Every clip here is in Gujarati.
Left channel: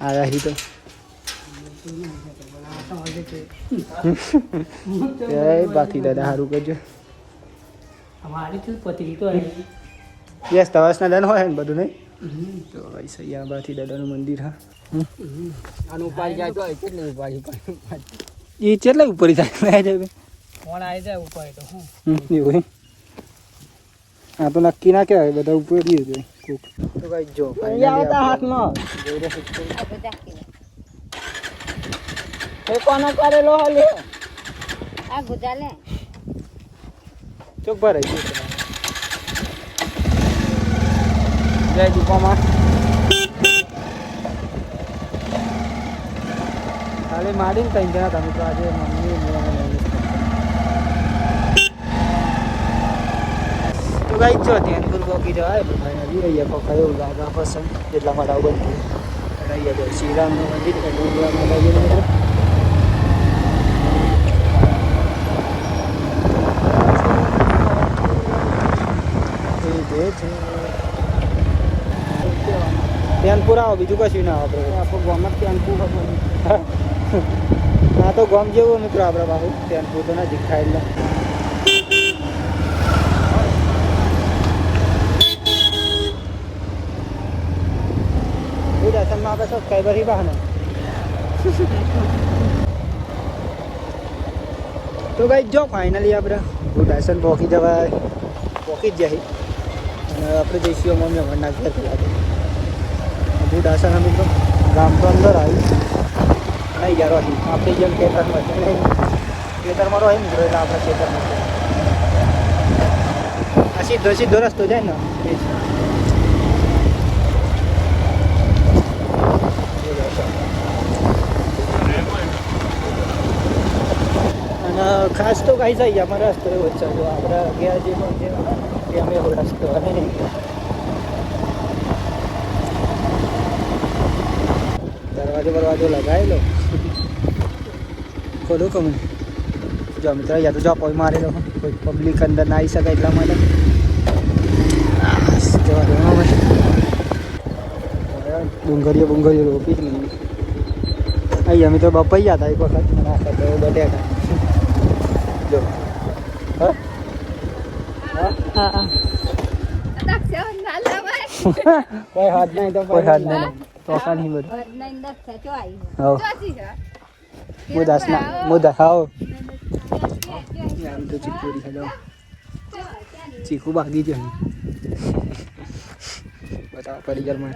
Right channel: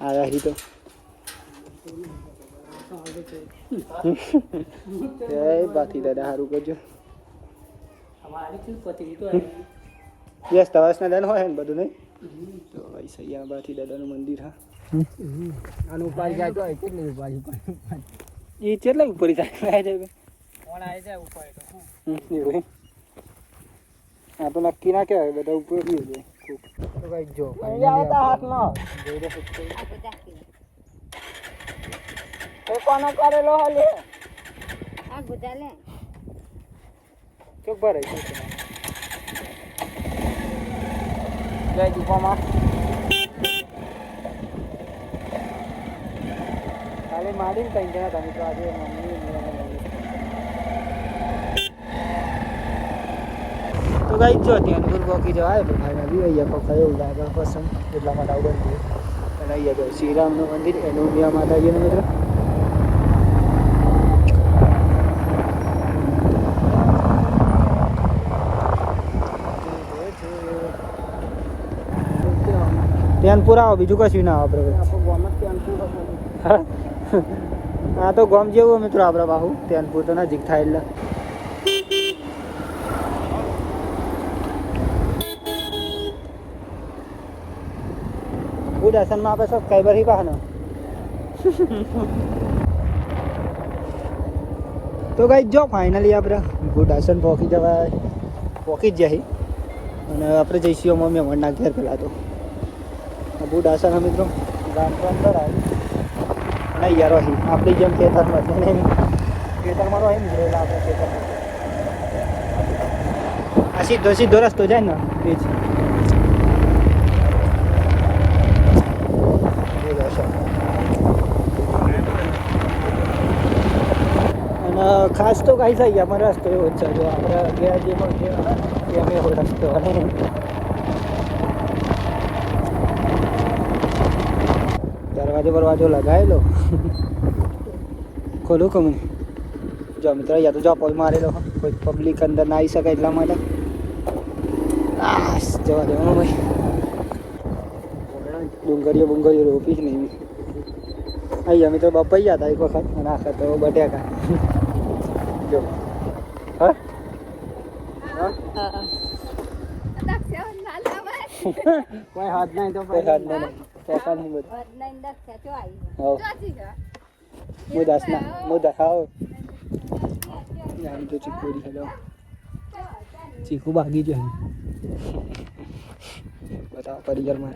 આયા હી તો એ બાથી દાદા સારું કરજો યસ તવાસના દન હોય ને બધું નહીં તો ભાઈ સૈયા બાથી દાદાનું મંદિર હા આનું ઉપાડી જાય તો કેટલે ઉપાડી એ કેટલા ઉપર જાય જાય ફોન આવી જાય ઉપાડી તો હું એવું હા તો નક્કી ના કહેવાય બધા ઉપર જોઈએ તો ભાઈ જો હાથમાં કોને કરેલો લે આ ગુજા લે ચોક ભરાઈ ગયું જય દીપામાં કાલે મારીને ત્રણ જણા તમે તો આજે મમ્મી તો ગાઈ જો ત્યાં દૂર બોકી જવાય તો ફાઇનલી અહીંયા કોક એવું લાગે પસંદ એટલા માટે આવું બનતું અને અહીંયા જો શ્રીરામનું મંદિર એનું માટે આવીએ મિત્રો પેન પૂરા આવો બીજું કશું ના આવે આપણે ગોમત પેન પૂરો હા તો ગોમ જેવું મિત્રો આપણે બાહુ પેન પૂર તો નજીક થાય એટલે દર્શનમાં આપણે સબસ્ક્રાઈબર ही બહાને તો ભાઈ જો ફાઇનલી આપણે ભૂડાસન પહોંચી જવાય પહોંચી જ જાય અને આપણે જઈશું મમ્મી અમારના ઘર પેલા તો ભૂડાસન મિત્રો ગામ તો અંદર આવી અને યાર આપણી જેમ ખેતરમાં નહીં ખેતરમાં રહે ને એટલે આપણા ખેતરમાં આ સીધો સીધો રસ્તો જાય ને એ જ ખાસ તો કઈ થાય અમારે રસ્તો એવો જ છે જો આપણા ગયા જે પણ એવો રસ્તો નહીં દરવાજો લગાવેલો ખોલું કમે જો મિત્ર યા તો જોપોલ મારેલો કોઈ પબ્લિક અંદર ના આવી શકે એટલા માટે જવા દે ડુંગરીઓ રોપી જ નહીં અહીં અમે તો બપૈયા હતા એક વખત અને આખા તો બટેકા જો હા કોઈ હાથ નહીં તો કોઈ હાથ નહીં તોફાન નહીં બધું મુદા ખાઓ તો ચીકુરી હેલો ચીકુ ભાગી જાય બતાવો પરિવારમાં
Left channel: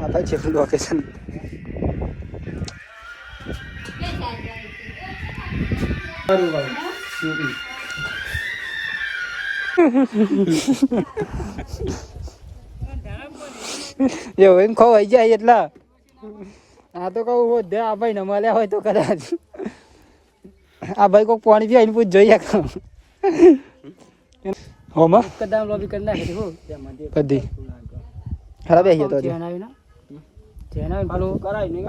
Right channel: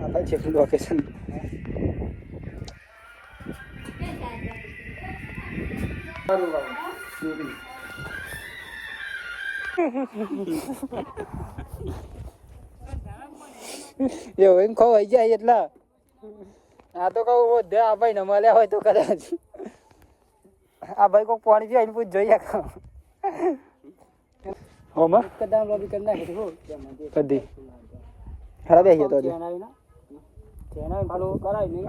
apa cek location yo em khôi vậy vậy là તો કહું દે આ ભાઈ ને મળ્યા હોય તો કદાચ આ ભાઈ કોક પાણી પીવા એને પૂછ જોઈએ હોમાં કદામ લોબી કરી નાખી હો કદી ખરાબ આવી તો જેના ભાલો કરાય ને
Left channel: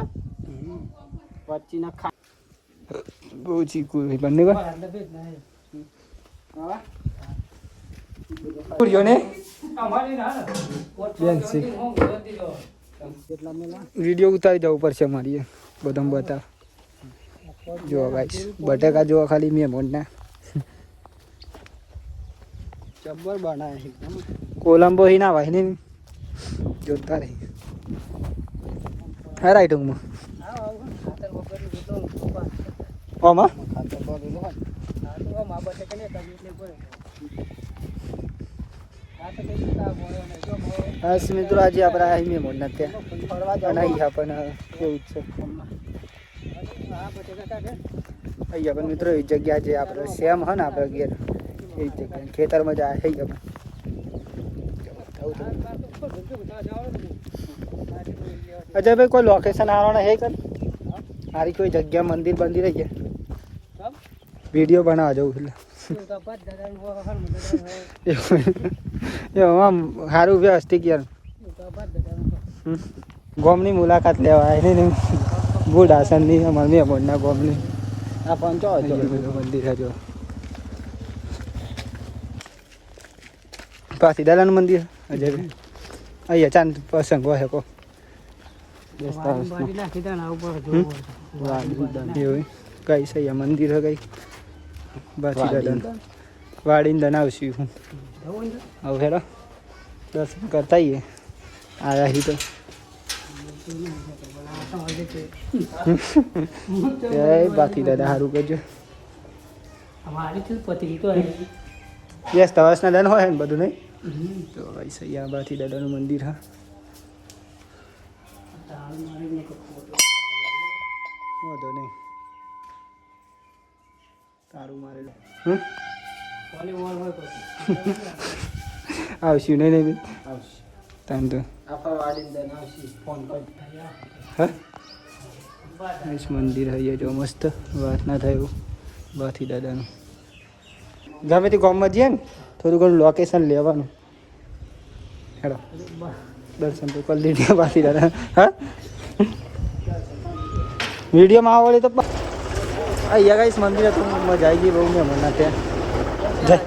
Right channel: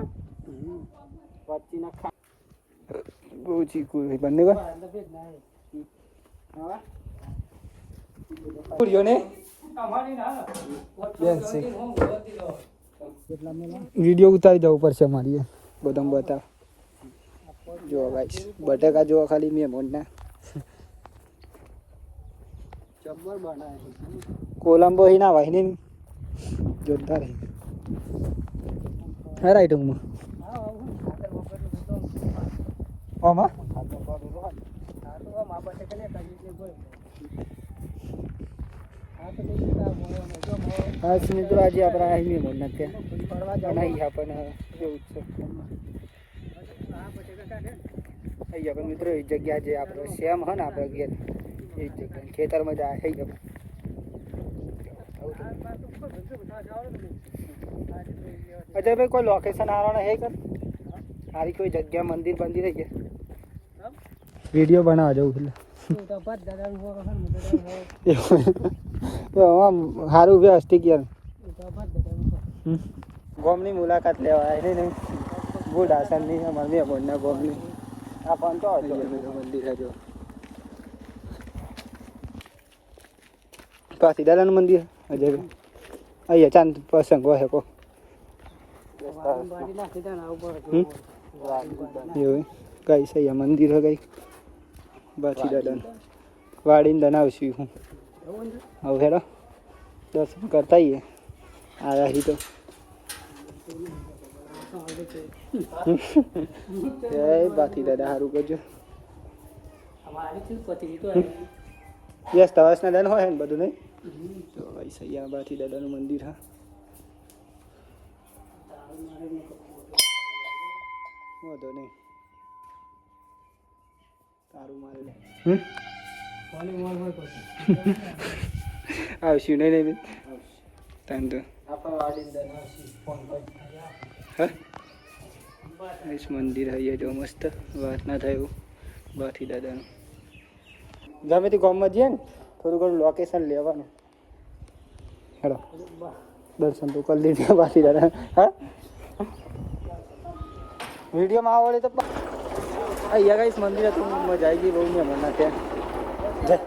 વચ્ચી ના ખા બહુ ચીકુ બંને કો હા પૂર્યો ને વિડીયો ઉતારી દઉં પડશે મારી બધામ બતા જો ગાઈસ બટેકા જો ખાલી મેં મોડના જબ્બર બનાય એકદમ કોલંબો હી ના વાહને જોતા રહી હે રાઈટ હું ઓમાં બસ મિત્રો આજે આપણે અહીં મેં મોડના ત્યાં અહીંયા પણ એવું જ છે અહીંયા પણ મિત્રો એ જગ્યા જે આપણે સેમ હે ને આપણે ઘેર એ જગ્યા ખેતરમાં જાય થઈ જાય અજયભાઈ કોઈ લોકેશન આવવાના હે કર મારી કોઈ જગ્યા મંદિર બંદિર રહી ગયા વિડીયો બનાવવા જવું એટલે આમ સારું વ્યવસ્થિત યાર ગોમની મુલાકાત લેવા નહીં બુઢાસનની અમારી મેમોડના ગોમની આ પંચો મંદિર હજો પાછી દાદાનું મંદિર અજયભાઈ અહીંયા ચાંદ પ્રસંગ હોય કો વાડી નાખી દે ને આ ઉપર જોવું એવું કઈ છે અહીંયા મંદિર હે કઈ પાછી દાદાનું વાડીને દન આવશું હું હવે હેડો દર્શન કરતા આવીએ આવ્યા હી તો જય બાકી દાદા સારું કરજો વાડી થી પતરી તો યસ તવાસના દન હોય ને બધું નહીં તો ભાઈ સૈયા બાથી દાદાનું મંદિર હા વાંધો નહીં તારું મારેલું આવશું નહીં નહીં તાન તો મંદિર હૈયા જો મસ્ત વાત ના થાય એવું બાથી દાદાનું ગમે તે ગામમાં જઈએ ને થોડું ઘણું લોકેશન લેવાનું હેડો દર્શન તો કરી લીધી બાથી દાદા હા વિડીયોમાં આવડે તો અહીંયા ગાઈસ મંદિર હતું મજા આવી ગઈ બહુ મહેમાનના ત્યાં જય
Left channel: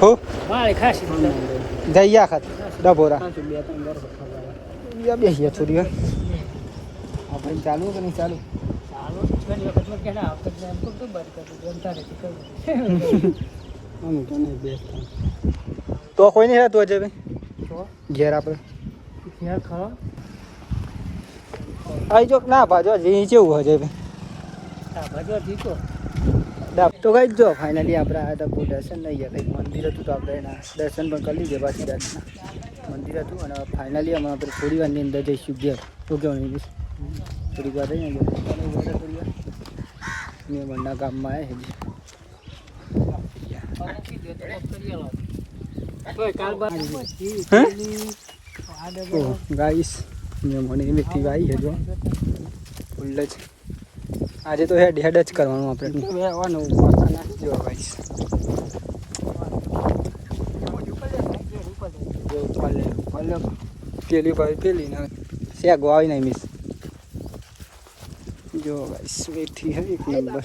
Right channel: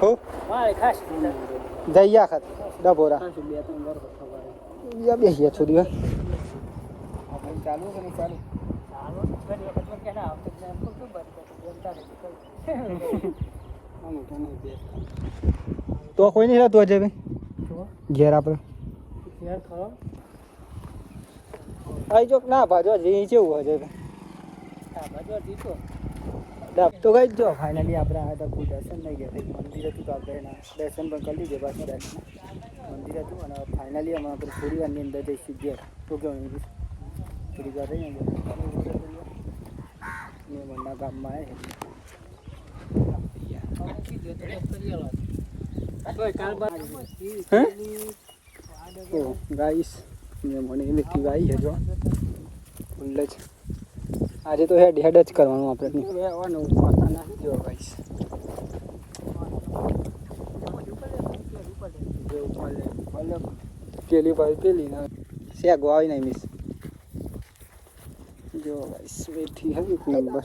હો જઈ આખત ડભોરા બેસીએ થોડી વાર આપણે ચાલુ કે નહીં ચાલુ તો કોઈ નહીં રહેતું અજય ભાઈ ઘેર આપણે આવી જો ના ભાજો જે કેવું અજય ભાઈ તો કઈ જો ફાઇનલી આપણે આ તો દર્શન નહીં ગયા કંઈક મંદિર હતું તો આપણે એના દર્શન પણ કરી લીધે પાછી દાદના મંદિર હતું અને ફાઇનલી અમે આપણે થોડી વારની અંદર જઈશું ઘેર તો કેવું નહીં થોડીક વાર રહીને મહેમાનના ગામમાં આવે ગાઈસ મહેમાને બેઠી આવી છે જો ફૂલ જ આજે તો હેડ હેડ જ કરવાનું આપણે જો ગાઈસ પેલી ભાઈ પેલી ને શેગો આવી નહીં મિસ જો ગાઈસ બેઠી હે એક નંબર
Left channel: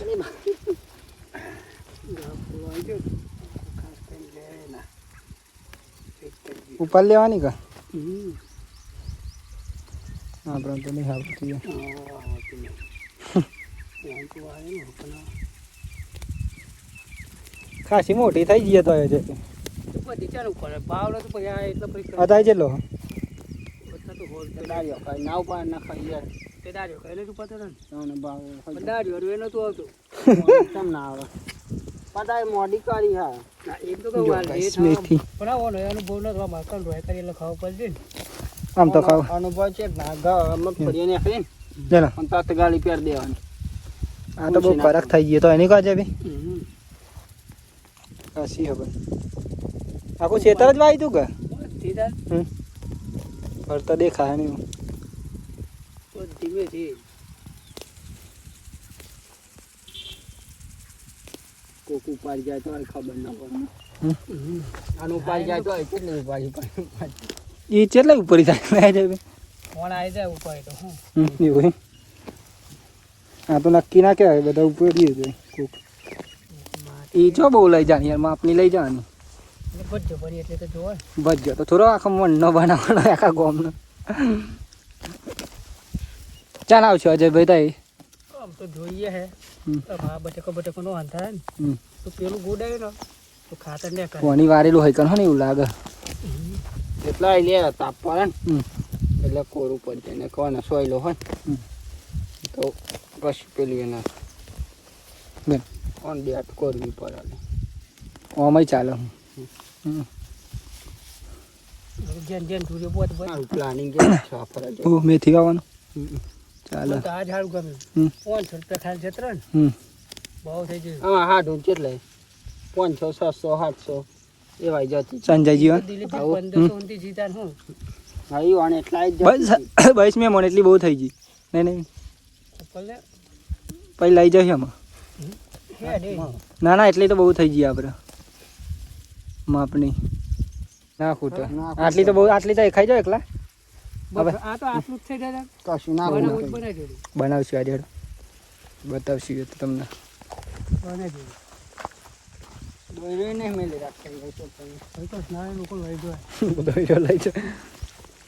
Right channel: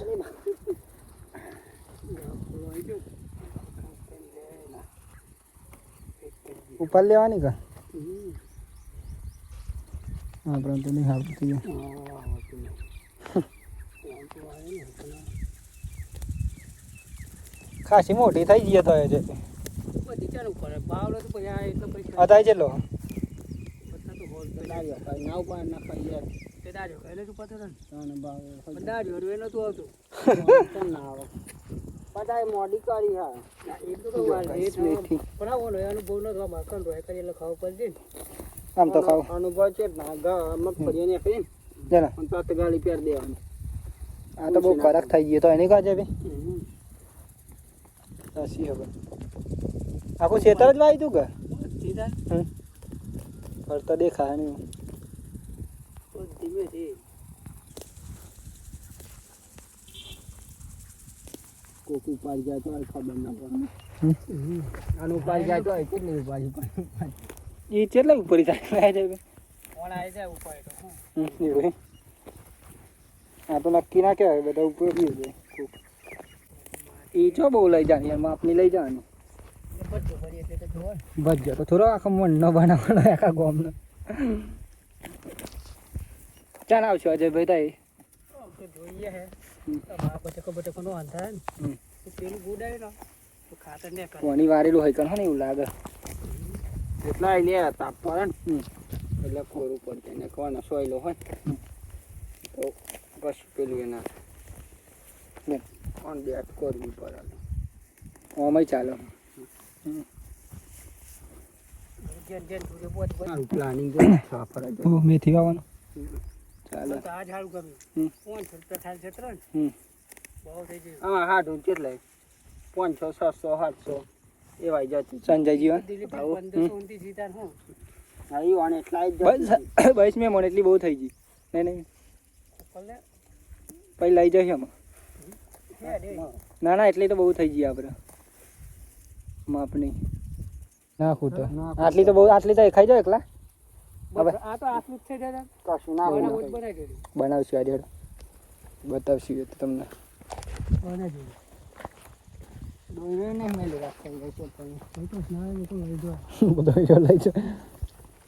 ઉપર લેવાની કા આપણે તો નહીં આવતી ખાસી મોટી થઈ ગઈ તો છે અત્યારે ચેલો મોડી કાઢી હા એમ તો આમ તો ખાવ અનુભવ છે મગફળી નાખી ને ગાડી પહેર દેવાની આ તો બહુ ફરક થઈ ગયો તો એની કાજે ભાઈ કાશી ખબર આખું ખેતર જ વાવી તું કે ફરતા દેખાય નહીં ધીમેથી કોક ઉપાડી જાય તો ખબર ના પડે આનું ઉપાડી જાય તો કેટલી ઉપાડી એ કેટલા ઉપર જાય જાય ફોન આવી જાય ઉપાડી તો એવું હા તો નક્કી ના કહેવાય બધા ઉપર જાય કોક એ જો બહુ લઈ જાની યાર માપની લઈ જવાની ભજ્યો તો થોડો આખો મન ન બનાવવાનો આખા ગોમનો ચાલ આવશો અજયભાઈ તાઈ આમ તો જોઈએ હે બટકો નો અંધાર ને તો પેલું ગોડાય ને તો ખાતર ને કોની વારેલું હોય કણ ને એવું લાગે એટલા લે તાપ પડે ને એટલે કોરું પડી જાય ને કોને સોયલો હોય તો કશું પેલું એના બેન ઓન બેટ કરવી પડે ઓમય ચાલે પ્લાનિંગ મેથી વાવવાનું ચાલે આ ઝાડું ગમે 500 રૂપિયા થાય છે ત્રણ બહુ થઈ ગયું હા હાડું કેટલે 500 600 700 એવા જતી સંજય જીવન 1500 જીતા હું હા ઈ વાને એટલા જ બસ મેં મને એટલી બહુ થઈ ગઈ નહીં પછી લઈ જશે આમાં ના ના એટલી તો બહુ થઈ ગઈ આપણે માપની ના ખૂટે આટલી તો બહુ આટલી તો ખાઈ જાવ એકલા હવે આ તો આટલું જ થઈ જાય કશું ના બનાવશું આજે બતાવશું તો તમને દોરી નહીં મેલી રાખેલી તો પછી તો ના લોકો લઈ જાય બધો લઈ જાય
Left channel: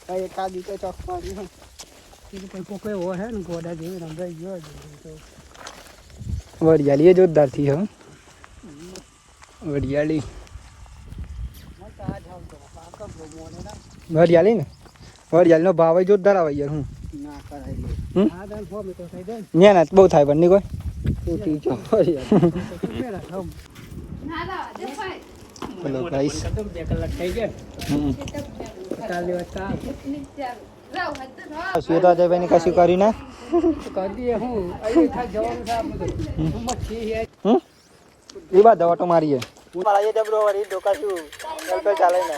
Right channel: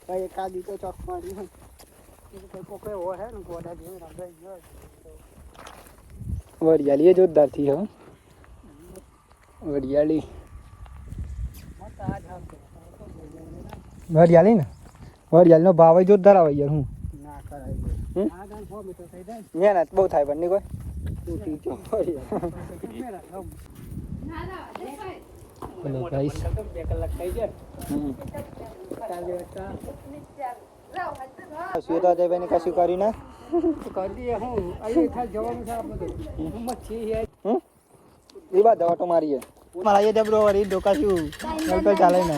કઈ એકાદી તો ચપવાડી હોય કોઈ કોઈ ઓર હે ને ગોડા જેવી રંગાઈ ગયો વડિયાળી જોરદાર થી હો વડિયાળી વડિયાળી ને વડિયાળીનો ભાવ જોરદાર આવે યાર હું ના કરેલી મહેનત બહુ થાય પણ નહીં કોઈ તૂટી જો હેલો ગાઈસ 2 કલાક થઈ ગયા કાલે વાતા સુતા જઈને કશું કરી ના કરી દઈએ હું અહીં થા જવાનું છે આપણે હું મચ્છી હે એ બાદ દવા તો મારીએ મારા જે બ્રો વરી ડોકાશું ચાલ તો ચાલે ને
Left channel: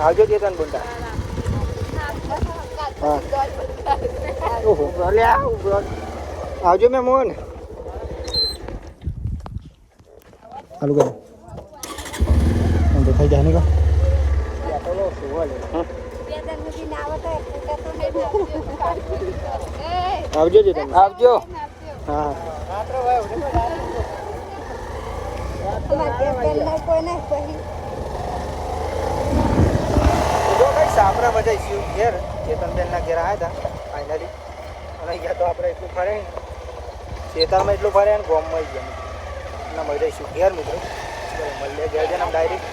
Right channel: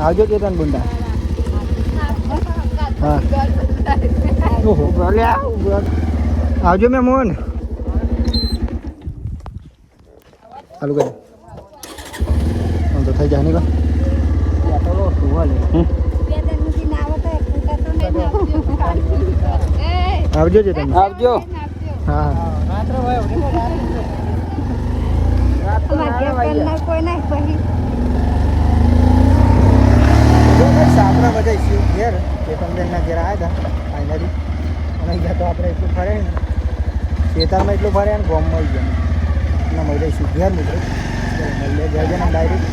આવજો કેતન બુંડા આવજો મે મોહન ચાલુ કરો તો થઈ જાય ને આવજો જતન આવજો જો ભાઈ સાપરા બધા શિવ ઘેર ચેતનબેન ના ઘેર આવ્યા હતા ફાઇનલી અને અહીંયા તો આપણે એટલું ફરે ને ખેતરમાં એટલું ફરે ને ગોમમાં ગયા એટલે મળી શિવ ઘેર મિત્રો મળીએ ઘેર જઈને ડાયરેક્ટ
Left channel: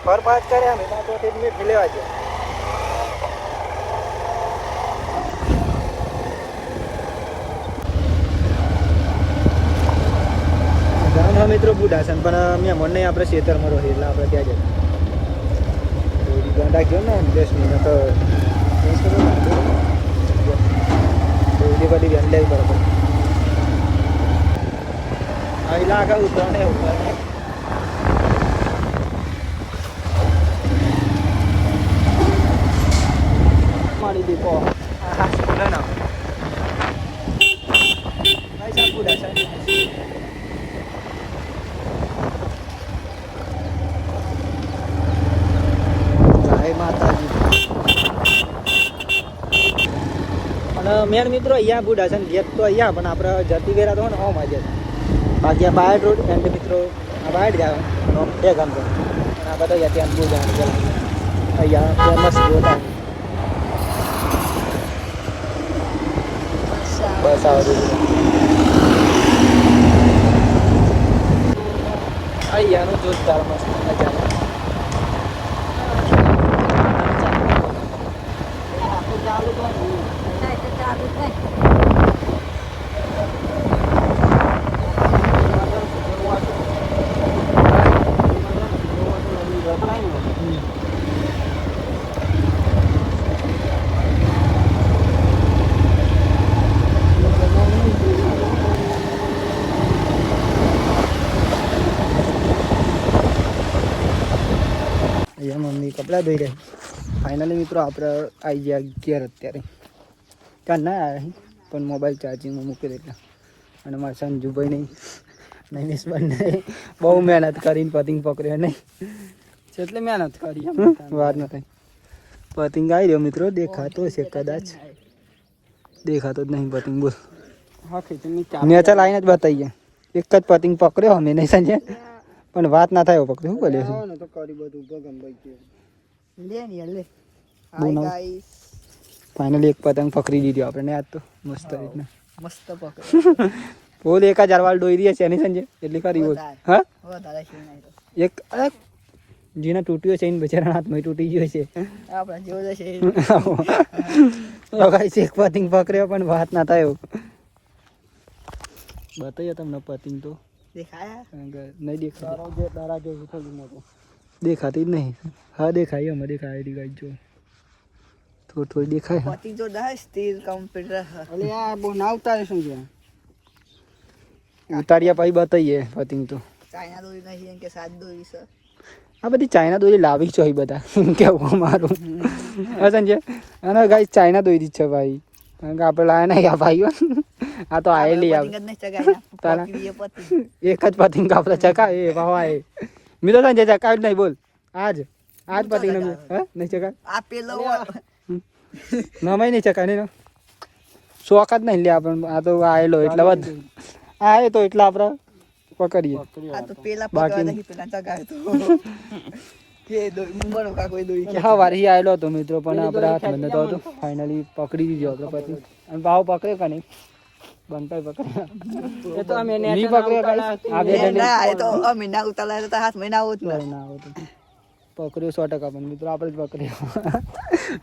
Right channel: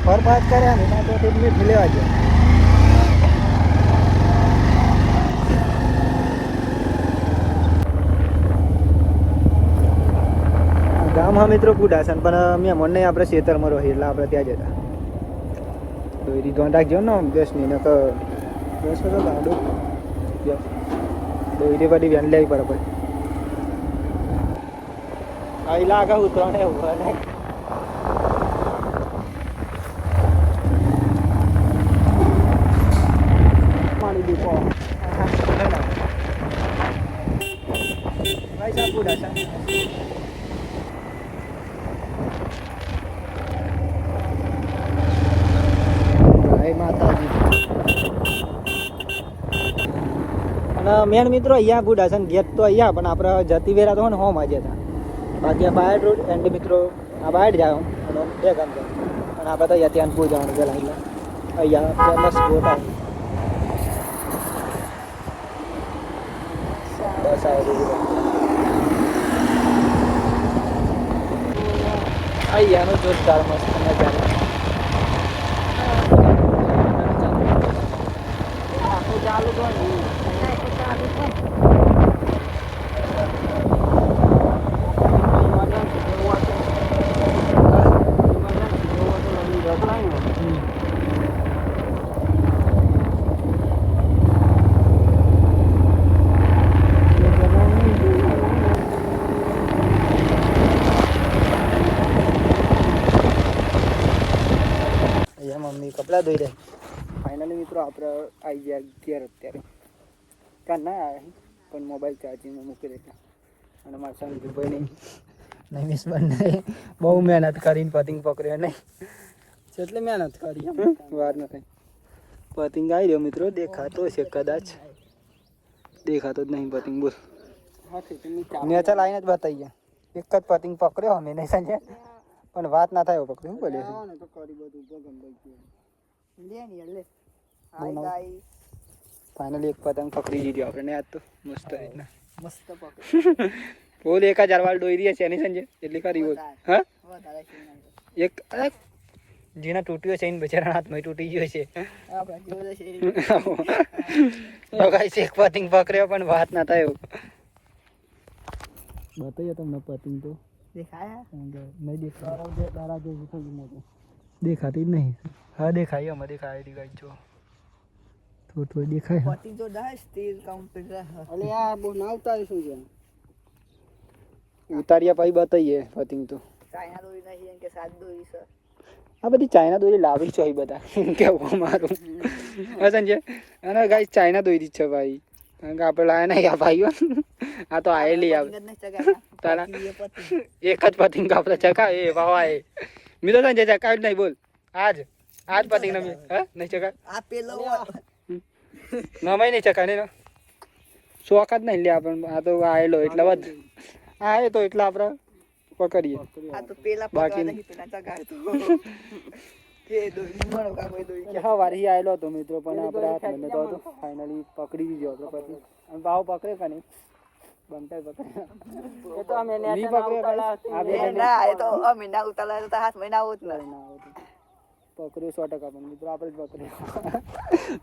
ફર પાસ કર્યા ને તો તે મેં લેવા ગયા ગામ હા મિત્રો બુડાસન પણ મેં મને આપણે ખેતરમાં રહી એટલે આપણે ત્યાં જતા દોરી ધ્યાન રાખજો ને 10 મિનિટ દોરી બધી વેન લેવી પડે આવી લાગે ઉતરણે ઉતરણે મારી દીધો હા ના ના ભાઈ સાહેબ બુડાસન માતાજી અને મેન મિત્રો અહીંયા બુડાસન ગેટ તો અહીંયા પણ આપણે જતી વેરા તો ને હોમ આજે બાકી આ બાયડ રોડ એન્ડ મિત્રો આ બાયડ જાય અને આમ બે ગામ જાય અને આ બધા ત્યાં બહુ જવાનું છે અહીંયા ફેમસ બોટ આવે બસ આવે છે અહીંયાનો જોરદાર મસ્ત મજા મમ્મી કપડાં ધોઈ રહી ફાઇનલી મિત્રો આપણે આવી ગયા ઘેર અત્યારે ત્યાં ના આવ્યા પણ મોબાઈલ ચાર્જિંગમાં મૂકી દે એટલે અને મારા સંજુભાઈ નહીં નૈમેશ બંને બહુ મહેનત કરીને પતિંગ પકડ્યો નહીં એટલે મહેનત કરી વાર ન થાય પતિંગ આવી રહ્યો મિત્રો દેખાતો છે કદાચ દેખાતો જ નહીં પતિંગ બોલ નેચર આવીને જ બતાવીએ એક જ પતિંગ પકડ્યો અમે નહીં સંજય પણ વાત ના થાય પકડ્યો શું બોલ્યો તો કરી બધું ભગમભાઈ કે લે ને લે હાય ગાઈસ ફાઇનલી એક પતંગ પકડી દીધી આપણે આજ તો મસ્ત રીતના મસ્ત પકડ બોલ 1000 વાળ દોઈ રહી છે એની સંજય એટલી ખરી બોલ હા એક જેના તૂટ્યો છે એને બચારા હાથમાં તૂટી ગયો છે આપણા જેવો છે તો ગાઈસ એક પતંગ પકડ્યો પણ વાત ના થાય બતાવ્યો તમને પતંગ તો દેખાયા નહીં દેખાય તારા જેવું થોડું મોટું દેખાતી જ નહીં હા દેખાય અમે દેખાય ગાઈસ જો થોડું થોડું દેખાય પતિંગ તો દા સ્ટીલ કમ્પ્યુટર અલે આ બહુ ના ઉતારે શું છે ઉતાર્યા પછી બતાવીએ પતિંગ તો ચાઇના દોરી નહીં કે સાત દોરી છે આ બધી ચાઇના દોરી લાવી છે બધા કેવું અમારું હા સંજય અને ગાઈસ ચાઇના દોરી છે ભાઈ કારણ કે આપણે લાયા નહીં આ ભાઈઓ આ તો આયેલી આવે તારા એક જ પતિંગ આપણે ચકાવે એ ભાવાય મિત્રો સંજય ચકાવ નહીં બોલ આજ પતિંગ નહીં ચકાવ આ પેલો નમાઈ નહીં ચકાય નહીં શોખ જ નહીં લે આપણે આ તો આયેલો એટલે વધ આયે તો એટલે આપણે પકડીએ બાકી હા વારી આયેલો હતો મિત્રો પણ આપણે હાથ બંધ હતો ફાઇનલી પકડી દીધો આપણે પછી અને ભાવ પકડે કે નહીં બનતા પકડે એ તો અમે નહીં પકડે આ બે ના એ તો અમે ના ઉતારાય તો હાથ મહિના આવું જ ના આવતું પકડ્યો 100% પણ મિત્રો આપણે જ પકડ્યો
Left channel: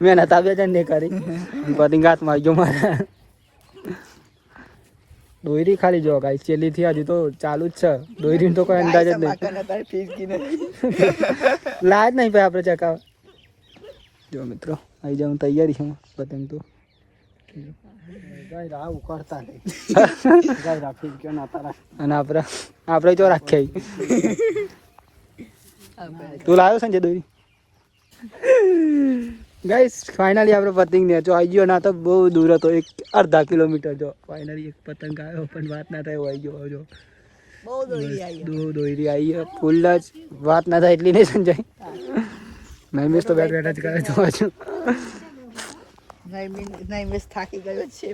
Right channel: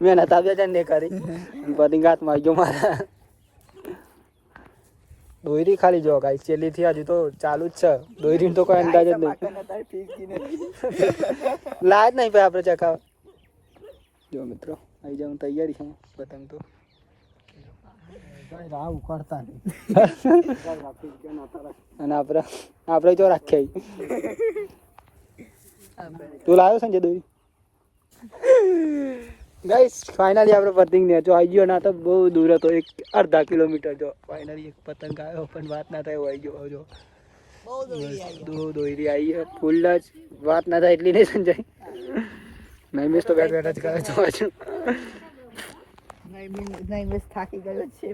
મહેનત આ બે જણ કરી પતંગ હાથમાં આવી ગયો મારા દોયરી ખાલી જો ગાઈસ છેલ્લી થી હજુ તો ચાલુ જ છે દોયરી તો કોઈ અંદાજ જ નહીં લાજ નહીં ભાઈ આપણે ચકાવ જો મિત્રો આવી જાઉં તૈયારી છે પતંગ તો અને આપણે તો રાખ્યા તું લાવ્યો સંજય દોરી ગાઈસ ફાઇનલી આપણે પતંગ નેચો આવી ગયો ના તો બહુ દૂર હતો એક અડધા કિલોમીટર જો ફાઇનલી એક પતંગ આવ્યો પણ વાત ના થાય આવી ગયો જો બહુ દોરી આવી ફૂલ જ વાત ના થાય એટલી નહીં સંજય નહીં મિસ તો બેઠ બેઠા જ કરે તો હજુ નહીં મિસ થાકી ગયો છે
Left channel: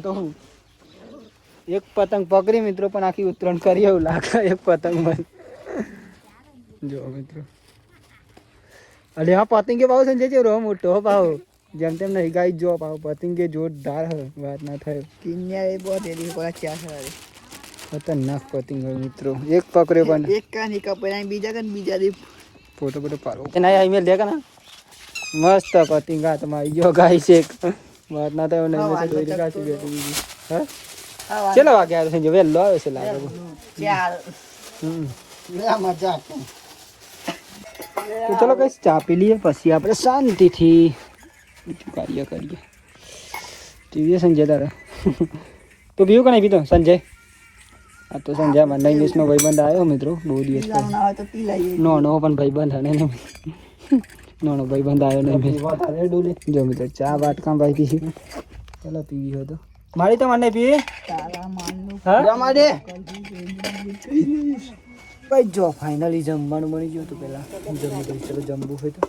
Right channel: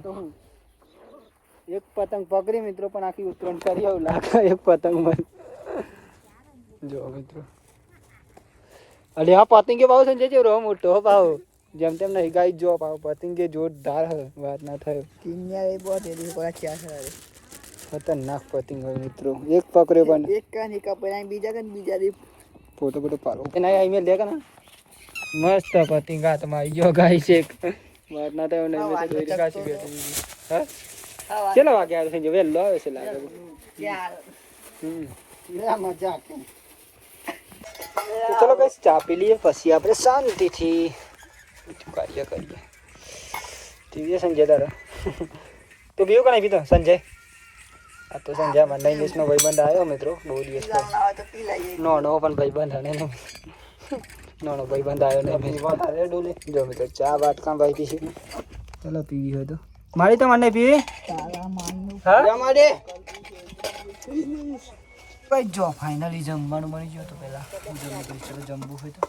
તો હું એક પતંગ પકડી મિત્રો પણ આખી ઉતરણ કરી એવું લાગે એક પતંગ માં જો મિત્રો અરે હા પતંગ કે ભાવ સંજય છે રો મોટો ભાવ જેમ તેમ નહીં ગાઈ જો ભાવ પતંગ કે જોરદાર હે વાત ના થાય કિન્યા એ બહુ તેરી પર ક્યાં છે ખતરનાક પતંગ હોય મિત્રો એક પકડ્યો પણ એક કાની કપડા બીજા દી ફોટો પાડો એના આ ઈમેલ દે કે ના મસ્ત પતંગ હાથમાં આવી ગયો ગાઈ છે વાત ના થાય નહીં મેં દોરી કાચી બેઠી હા ચલો વાગે આવ્યો સંજય વેલો આવે છે લાગે મજા તો ચલો કઈ ચા પી લઈએ પછી આપણે શાંતિથી બીજું કાર્ય કરીએ પીવીએ સંજય તારે તો બીજું કઈ પીધું સંજય આ તો સંજય મને યુસનો ભાઈબંધ આવ્યો મિત્રો બહુ દિવસ નો પણ ભાઈબંધ હે નો ભાઈબંધ આવ્યો નહીં જો મિત્રો ચા વાટકા ભાઈ પી છે ચલો પીવી હોય તો મારી તો મને પીવી ભાઈ જો ફાઇનલી જમવાનું બની ગયું તો પહેલાં જમવું તો ચલો જમવું હોય તો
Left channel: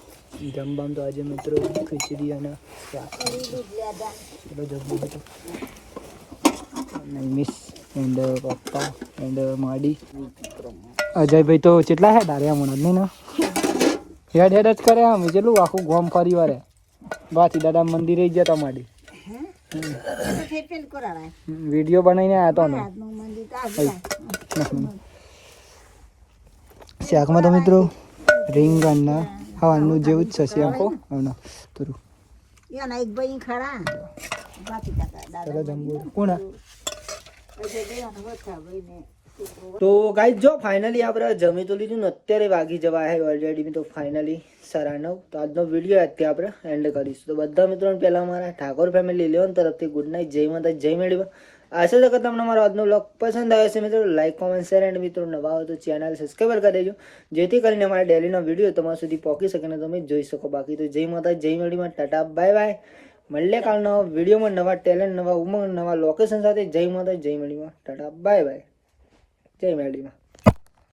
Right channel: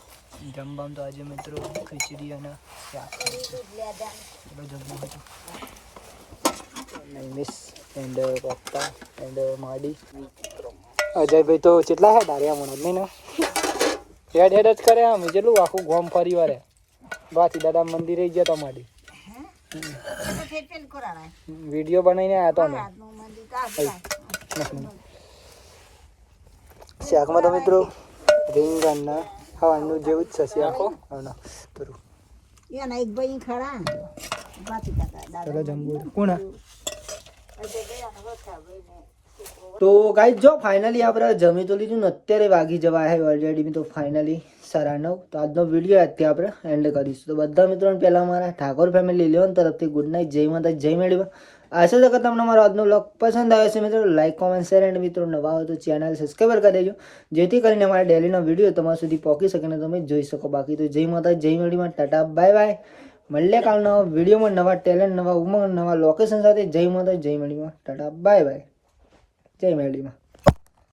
જમવામાં તો આજે મિત્રો ખીચડી અને શાક ચલો જમવું હોય તો મિસ પપ્પા માડી અજયભાઈ તો કેટલા છે દારિયા મને નહીં ને હેડ જ કરે આમ જેટલું આખું ગોમ ફરી વારે બાકી દાદા મંદિરે ગયા તા માડી વિડીયો બનાવીને આવ્યા તો શાકમાં તો મિત્રો રીંગણના ખાવાનું જેવું જ છે આખો તુરું એક ભાઈ ખરા ચલો જમવું કોણ તો ગાઈસ જો ફાઇનલી આપણે જમી તો લીધું ને અત્યારે વાગી જવા હે ઓલરેડી તો ફાઇનલી 9:30 તો આજનો વિડીયો અત્યારે આપણે એન્ડ કરીશું તો બધા મિત્રોને પહેલાં મારા ઠાકોર ફેમિલી લેવન તરફથી ગુડ નાઇટ જય માતા જય મેળવી આશા છે કે તમને મારો આજનો વ્લોગ પસંદ આવ્યો છે મિત્રો લાઈક કોમેન્ટ શેર એન્ડ મિત્રો નવા હોય તો ચેનલ સબસ્ક્રાઈબ કરી દેજો જેથી કરીને અમારા ડેલીનો વિડીયો તમારા સુધી પહોંચી શકે અને તમે જોઈ શકો બાકી તો જય માતા જય મેળવીમાં ટાટા બાય બાય મળીએ કાલના વિડીયોમાં નવા ટેલેન્ટ નવા ઉમંગ નવા લોકેશન સાથે જય માતા જય મેળવીમાં ટાટા બાય બાય જય મેળવીમાં